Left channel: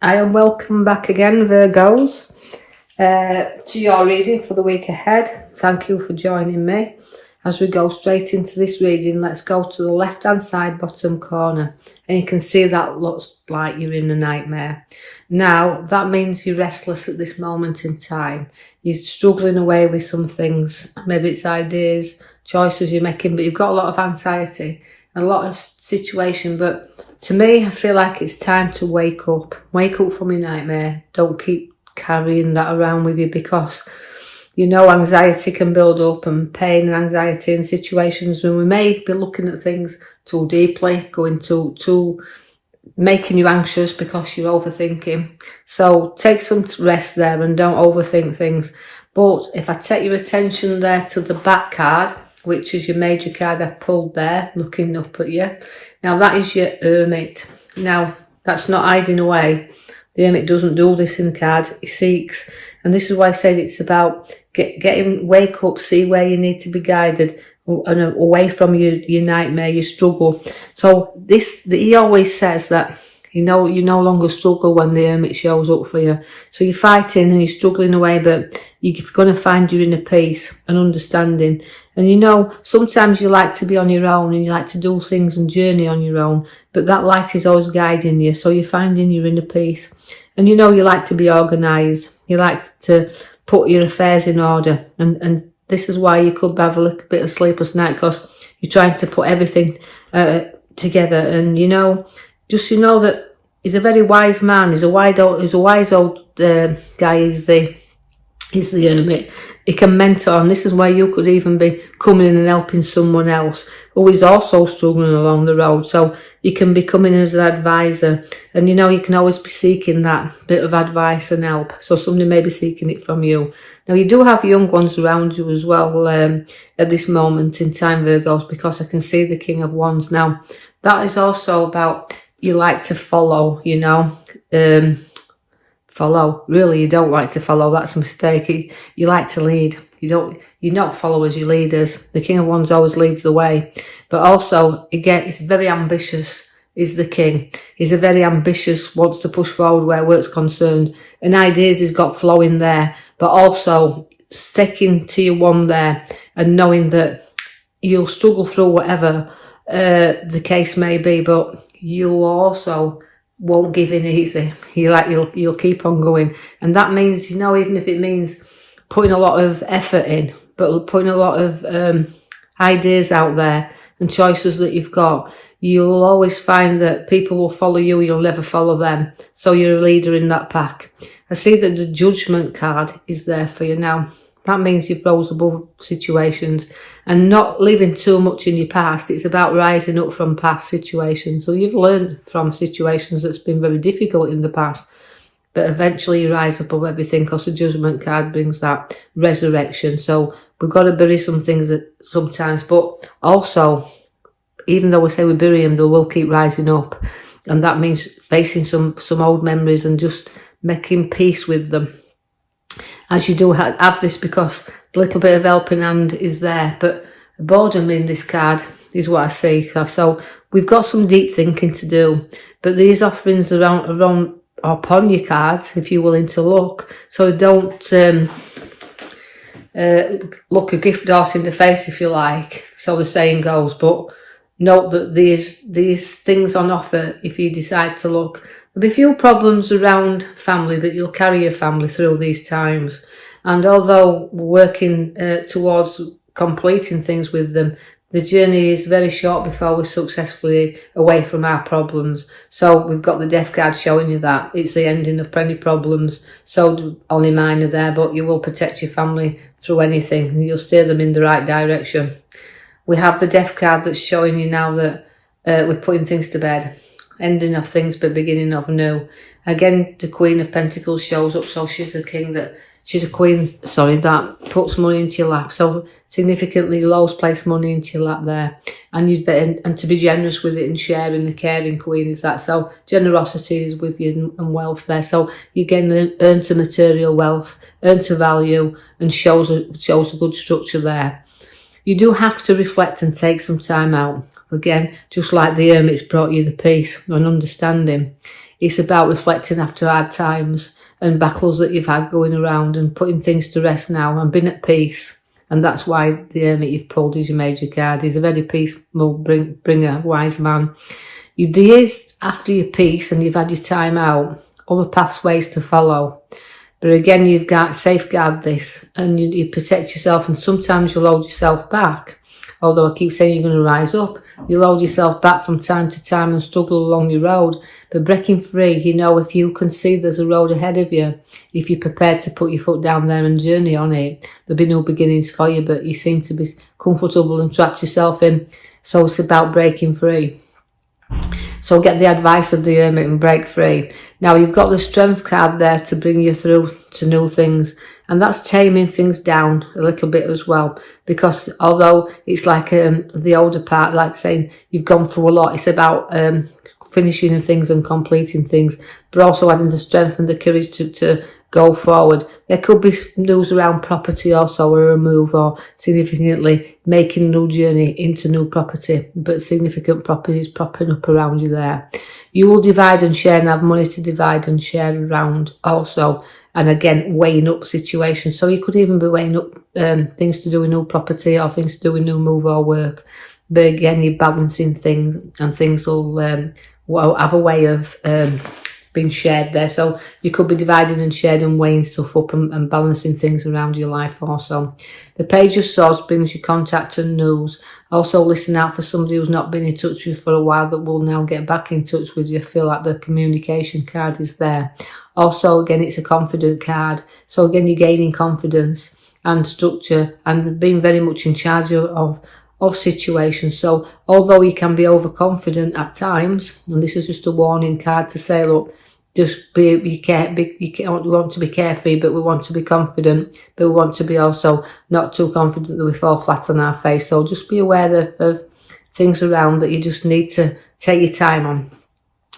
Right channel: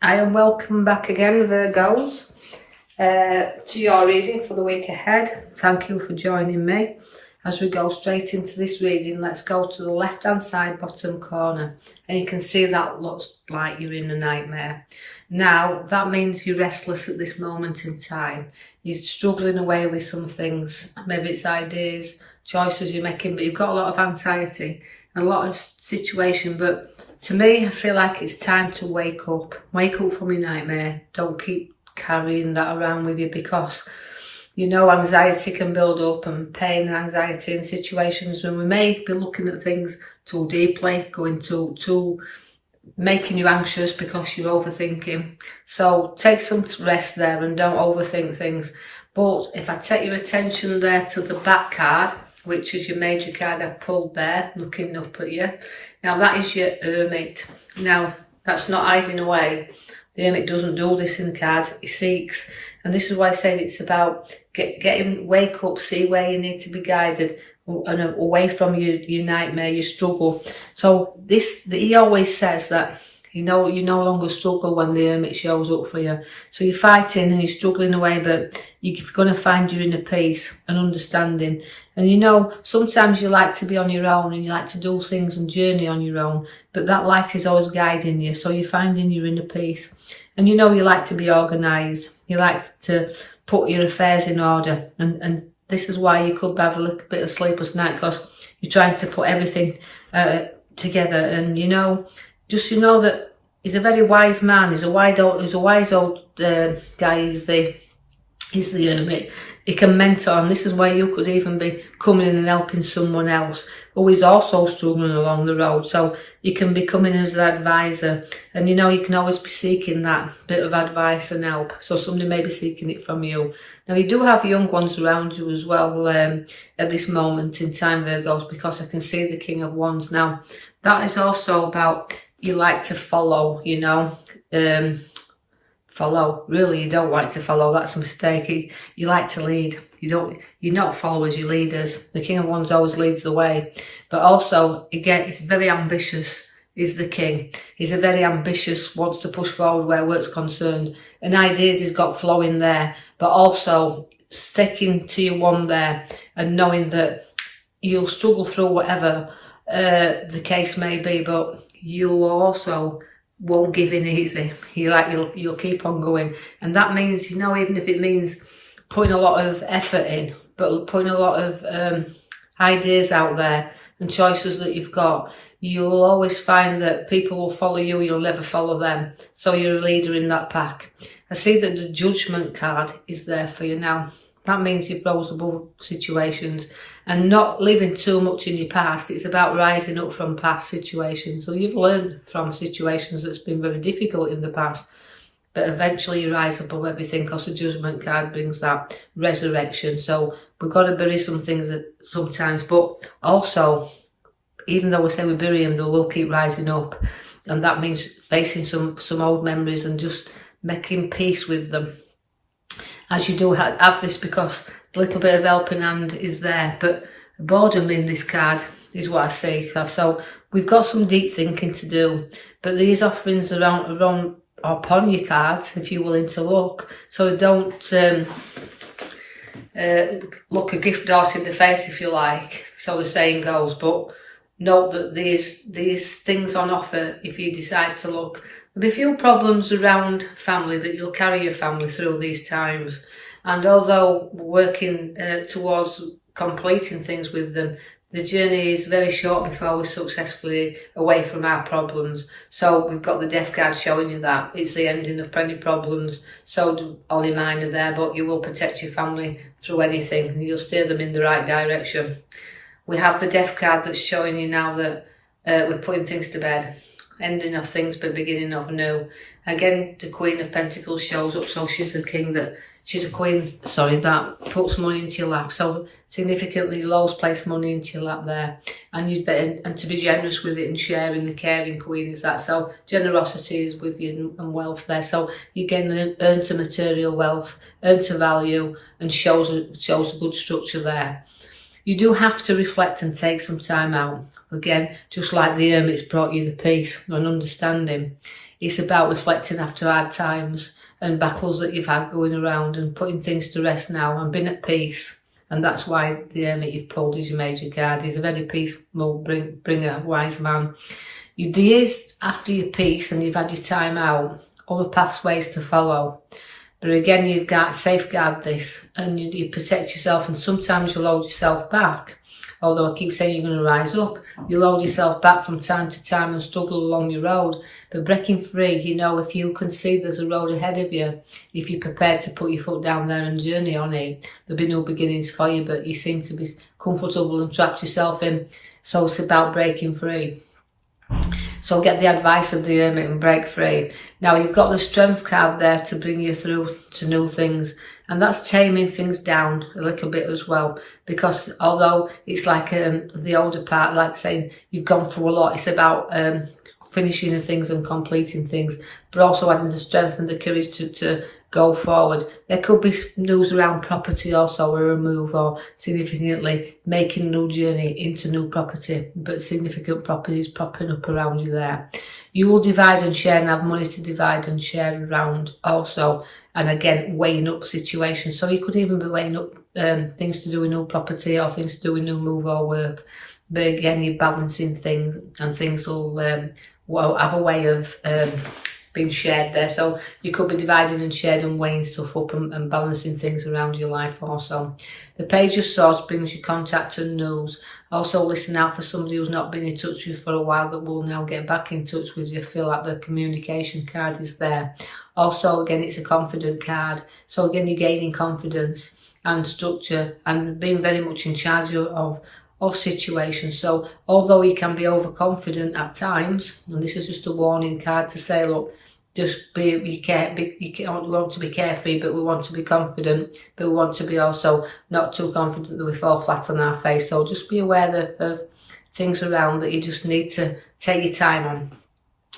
I am welcome back again, Virgos, to your reading for the week ahead. Thank you for joining me. As we go straight into this reading, let's go to the left-hand side bottom corner, and you can see that looks like you're in a nightmare. Now, that means you're restless at this moment in time. You're struggling away with some things. Maybe it's ideas, choices you're making, but you've got a lot of anxiety, a lot of situation. But to me, I feel like it's time to wake up. Wake up from your nightmare. Don't keep carrying that around with you, because you know anxiety can build up, and pain and anxiety in situations where we may be looking at things too deeply, going too making you anxious because you're overthinking. So take some rest there and don't overthink things. But if I take your attention there to the back card, which is your major card I pulled there, looking up at you. Now that is your Hermit. Now that's not hiding away. The Hermit doesn't do this in cards, he seeks. And this is why I said it's about wake up, see where you need to be guided, and away from your nightmare, your struggle. So he always says that you no longer struggle when the Hermit shows up for you. So you're fighting and you're struggling away, but you're going to find your inner peace and understanding. And sometimes you like to be on your own and you like to do things and journey on your own, but that light is always guiding you. So you're finding your inner peace. And you like to be organised. You like to put your affairs in order. And this is why you could have a little bit of sleepless night, because you're trying to put everything together. And just that he's a very wise man. He's a wise old guy. He's the Hermit. He can mentor, and this is why you could even be coming in and helping someone else who is also struggling along the road. So you can be coming as an advisor, and you can always be seeking that bit of advice and help. So somebody may be seeking it from you. Now you do have young ones around you as well at this moment in time, Virgos, because I can see the King of Wands. Now that is also about you like to follow, follow. Really, you don't like to follow. That's a mistake. You like to lead. You're not followers, you're leaders. The King of Wands always leads the way. But also, again, he's very ambitious, is the King. He's a very ambitious, wants to push forward where work's concerned. And ideas he's got flowing there. But also, sticking to your one there and knowing that you'll struggle through whatever the case may be, but you also won't give in easy. You'll keep on going, and that means even if it means putting a lot of effort in, but putting a lot of ideas out there and choices that you've got, you'll always find that people will follow you. You'll never follow them. So you're a leader in that pack. I see that the Judgment card is there for you now. That means you've rose above situations and not living too much in your past. It's about rising up from past situations. So you've learned from situations that's been very difficult in the past, but eventually you rise above everything, because the Judgment card brings that resurrection. So we've got to bury some things sometimes, but also, even though we say we bury them, they will keep rising up. And that means facing some old memories and just making peace with them. As you do have this, because a little bit of helping hand is there, but boredom in this card is what I see. So we've got some deep thinking to do, but these offerings are upon your cards if you're willing to look. So don't look a gift horse in the face, if you like, so the saying goes, but note that these things on offer if you decide to look. There'll be few problems around family, but you'll carry your family through these times. And although we're working towards completing things with them, the journey is very short before we're successfully away from our problems. So we've got the Death card showing you that. It's the ending of plenty problems. So only mine are there, but you will protect your family through anything, and you'll steer them in the right direction. We have the Death card that's showing you now that we're putting things to bed. Ending of things but beginning of new. Again, the Queen of Pentacles shows up, so she's a queen that puts money into your lap. So significantly, you'll always place money into your lap there, and to be generous with it and sharing. The caring queen is that. So generosity is with you and wealth there. So you again earn to material wealth, earn to value, and shows a good structure there. You do have to reflect and take some time out. Again, just like the Hermit's brought you the peace and understanding. It's about reflecting after hard times and battles that you've had going around and putting things to rest now and being at peace. And that's why the Hermit you've pulled is your major card. He's a very peaceful bringer, wise man. The years after your peace and you've had your time out, other pathways to follow. But again, you've got to safeguard this and you protect yourself, and sometimes you'll hold yourself back. Although I keep saying you're going to rise up, you'll hold yourself back from time to time and struggle along your road. But breaking free, you know, if you can see there's a road ahead of you, if you're prepared to put your foot down there and journey on it, there'll be new beginnings for you, but you seem to be comfortable and trapped yourself in. So it's about breaking free. So get the advice of the Hermit and break free. Now you've got the Strength card there to bring you through to new things. And that's taming things down a little bit as well. Because although it's like the older part, like saying you've gone through a lot, it's about finishing things and completing things, but also having the strength and the courage to go forward. There could be news around property also, or a move, or significantly making a new journey into new property, but significant properties popping up around you there. You will divide and share and have money to divide and share around also. And again, weighing up situations. So you could even be weighing up things to do with new property or things to do with new move or work. But again, you're balancing things, and things will have a way of being shared there. So you could be dividing and sharing and weighing stuff up and balancing things around your life also. The Page of Swords brings you contact and news. Also listen out for somebody who's not been in touch with you for a while that will now get back in touch with you. Feel like the communication card is there. Also, again, it's a confident card. So again, you're gaining confidence and structure and being very much in charge of situations. So although you can be overconfident at times, and this is just a warning card to say, look, just we want to be carefree, but we want to be confident, but we want to be also not too confident that we fall flat on our face. So just be aware of things around that you just need to take your time on.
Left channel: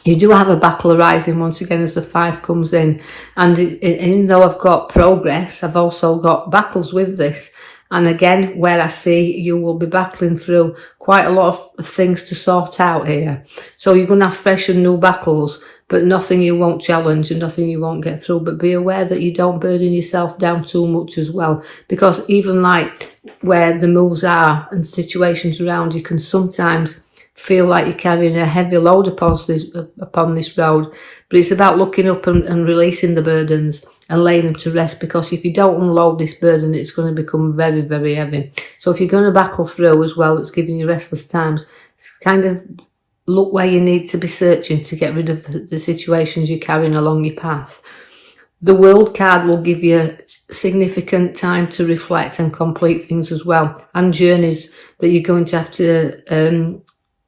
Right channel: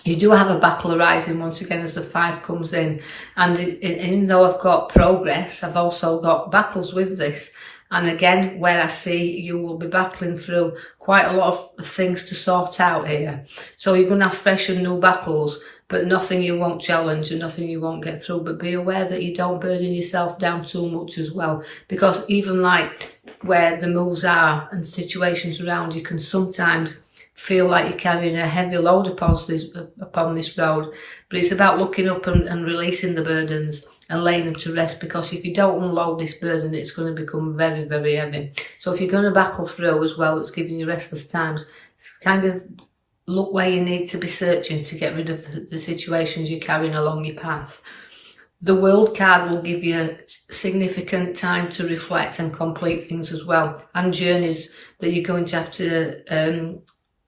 You do have a battle arising once again as the 5 comes in, and even though I've got progress, I've also got battles with this. And again, where I see you will be battling through quite a lot of things to sort out here. So you're going to have fresh and new battles, but nothing you won't challenge and nothing you won't get through. But be aware that you don't burden yourself down too much as well. Because even like where the moves are and situations around, you can sometimes feel like you're carrying a heavy load upon this road. But it's about looking up and releasing the burdens and laying them to rest, because if you don't unload this burden, it's going to become very, very heavy. So if you're going to battle through as well, it's giving you restless times. It's kind of look where you need to be searching to get rid of the situations you're carrying along your path. The World card will give you significant time to reflect and complete things as well, and journeys that you're going to have to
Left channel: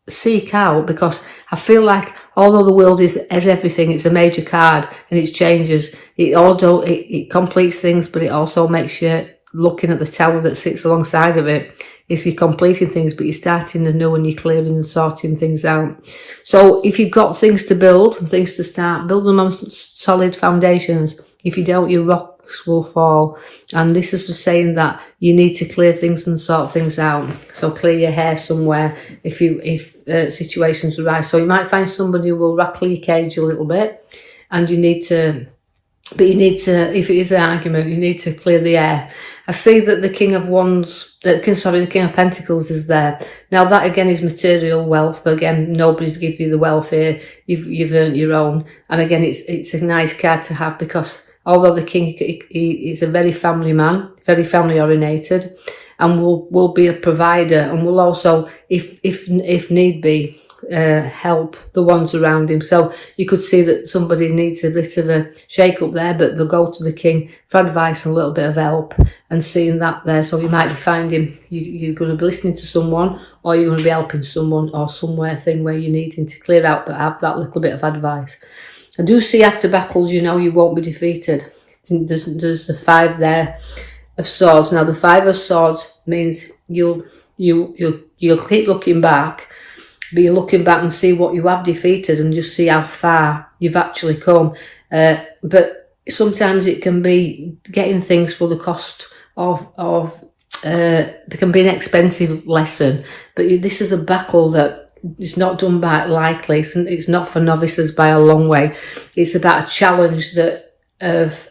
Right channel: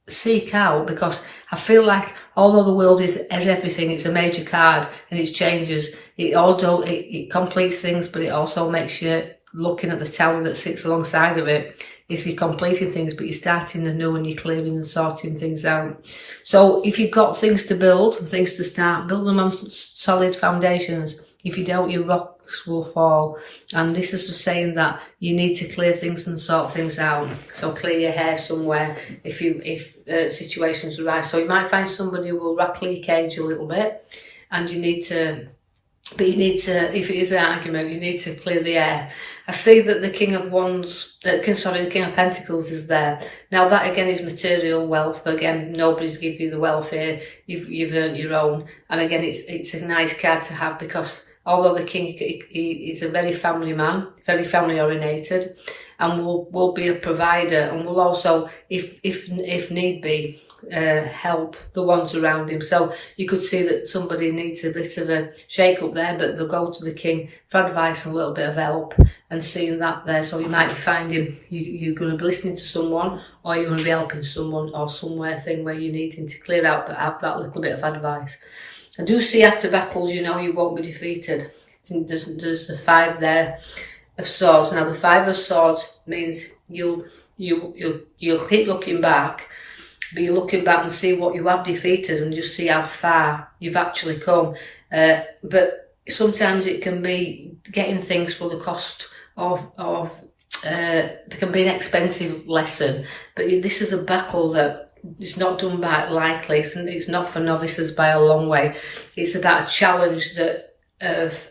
seek out, because I feel like although the World is everything, it's a major card and it changes. It completes things, but it also makes you looking at the tower that sits alongside of it. It's you're completing things, but you're starting anew and you're clearing and sorting things out. So if you've got things to build and things to start, build them on solid foundations. If you don't, your rocks will fall. And this is just saying that you need to clear things and sort things out. So clear your hair somewhere if situations arise. So you might find somebody who will rattle your cage a little bit, and you need to, if it is an argument, you need to clear the air. I see that the King of Pentacles is there. Now that again is material wealth, but again, nobody's give you the wealth here. You've earned your own. And again, it's a nice card to have, because although the King is a very family man, very family orientated, and will be a provider, and will also, if need be, help the ones around him. So you could see that somebody needs a bit of a shake up there, but they'll go to the King for advice and a little bit of help, and seeing that there. So you might be finding you're going to be listening to someone, or you're going to be helping someone, or somewhere thing where you're needing to clear out, but have that little bit of advice. I do see after battles, you won't be defeated. There's the 5 there of swords. Now the 5 of swords means you'll keep looking back, but you're looking back and see what you have defeated and just see how far you've actually come. But sometimes it can be getting things for the cost of it can be an expensive lesson. But this is a battle that it's not done by lightly. It's not for novices by a long way. It's about a challenge that of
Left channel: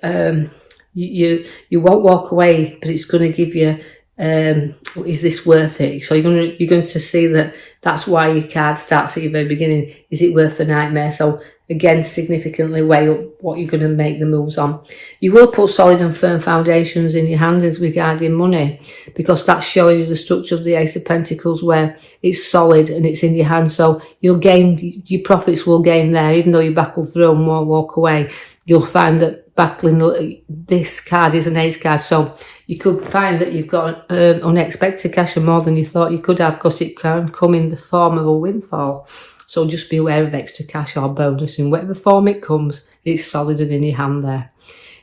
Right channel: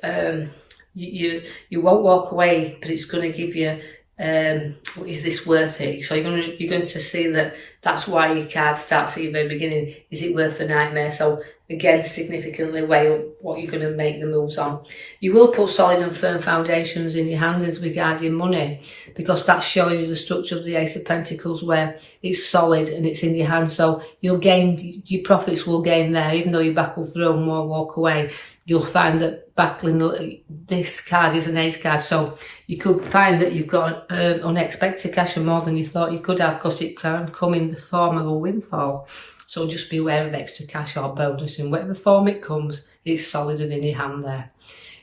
you won't walk away, but it's going to give you is this worth it? So you're going to see that that's why your card starts at your very beginning. Is it worth the nightmare? So again, significantly weigh up what you're going to make the moves on. You will put solid and firm foundations in your hand as regarding money, because that's showing you the structure of the Ace of Pentacles, where it's solid and it's in your hand. So you'll gain, your profits will gain there, even though you battle through and won't walk away. You'll find that battling, this card is an ace card, so you could find that you've got unexpected cash and more than you thought you could have, because it can come in the form of a windfall. So just be aware of extra cash or bonus. In whatever form it comes, it's solid and in your hand there.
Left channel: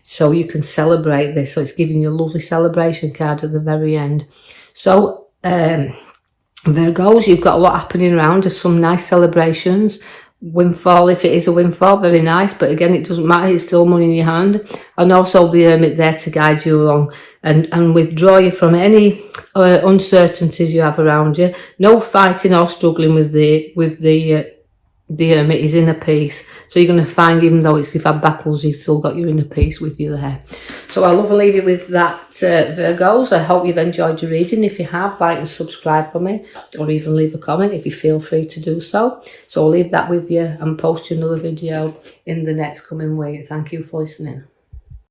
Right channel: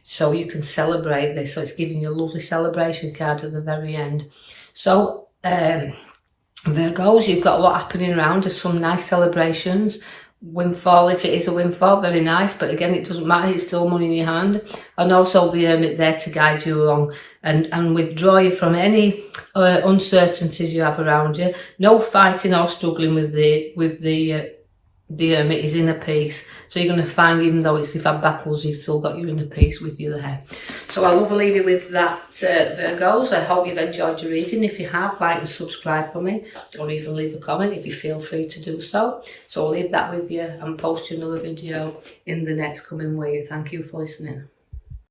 So you can celebrate this. So it's giving you a lovely celebration card at the very end. So Virgos, you've got a lot happening around. There's some nice celebrations. Windfall, if it is a windfall, very nice, but again, it doesn't matter, it's still money in your hand. And also the Hermit there to guide you along and withdraw you from any uncertainties you have around you. No fighting or struggling with the Hermit. Is inner peace. So you're going to find, even though you've had battles, you've still got your inner peace with you there. So I love to leave you with that, Virgos. I hope you've enjoyed your reading. If you have, like and subscribe for me, or even leave a comment if you feel free to do so. So I'll leave that with you and post you another video in the next coming week. Thank you for listening.